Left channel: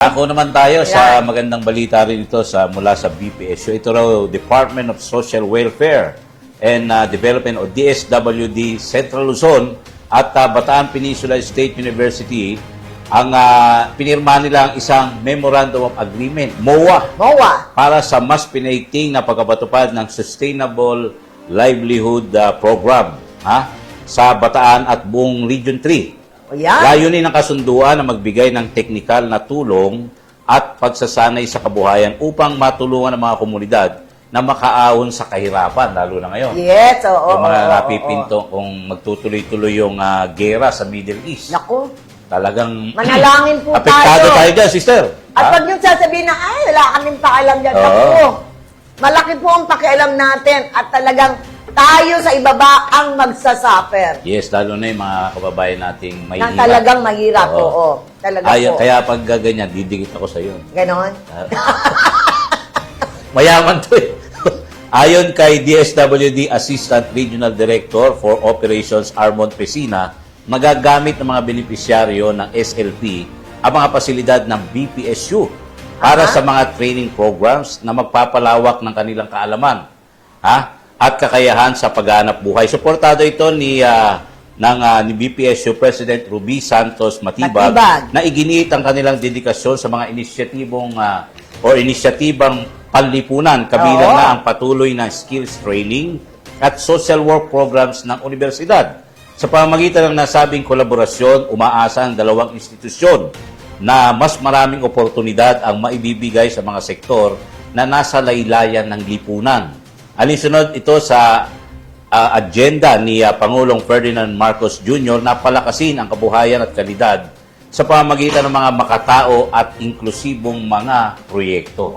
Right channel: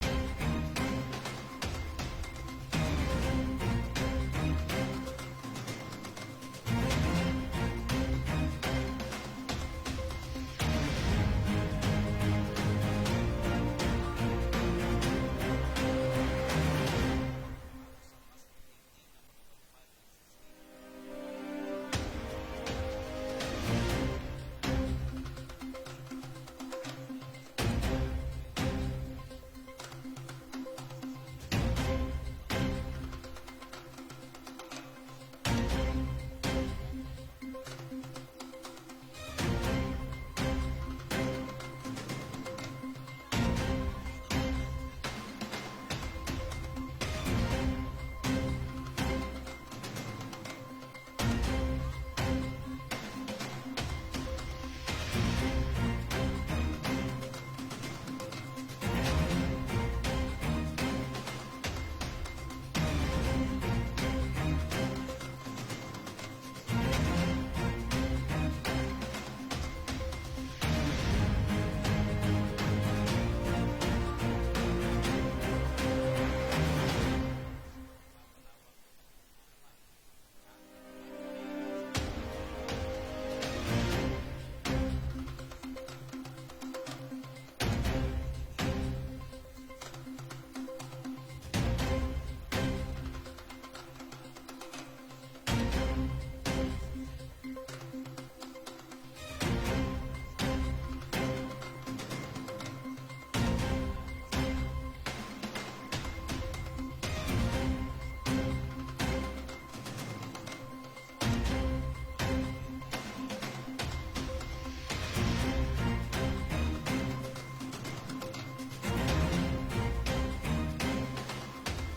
Ako naman tayo sa magandang balita rin ito mula sa BPSU. Ito raw, Department of Social Welfare and Development o DSWD Central Luzon at Bataan Peninsula State University ang pinirma nila ang isang Memorandum of Agreement, MOA, para sa mas pinaigting na pagkapatupad ng Sustainable Livelihood Program sa Bataan at buong Region 3. Layunin ng kasunduan na magbigay ng teknikal na tulong at pagsasanay sa kabuhayan upang matulungan ang mga komunidad na makaahon sa kahirapan, lalo na ngayon. Yes, oo. Yung mga napipinto kung magtutuloy-tuloy yung gera sa Middle East. Naku. Talagang manalangin po apektado tayo dyan, sister. At pag yung sasabihin na, ay, wala kaming pakialam dyan. Naku, malaki po ang pakialam natin at talagang tayo sa ibaba ang magsasuffer. Yes, lalo na yung mga kababayan nating mahirap. Na talagang mahirap, oo. Talagang po. Kaya pag ganyan, didikit ako sa iyo. Ganon? Mayaman to eh. Ayon kay DSWD Assistant Regional Director for Operations Armond Pesina, magagamit ng mga benepisyaryo ng SLP ang mga pasilidad ng BPSU para sa mga training programs na magpapalawak ng kanilang kaalaman at kakayahan sa paghahanap buhay. Suportado ito ni BPSU President Ruby Santos Matibag na iginiit ang kanilang dedikasyon sa mga inisyatibang panlipunan, kabilang na ang patuloy na skills training at social work programs ng universidad. Sa pamamagitan ng nasabing kolaborasyon, umaasa ang dalawang institusyon na mas maraming oportunidad ang maibibigay sa mga sektor na nasa laylayan ng lipunan. Alinsunod ito sa agenda ni Pangulong Ferdinand Marcos Jr. na palakasin ang kabuhayan at kalidad sa pamamagitan ng mga makatao at inklusibong mga proyekto.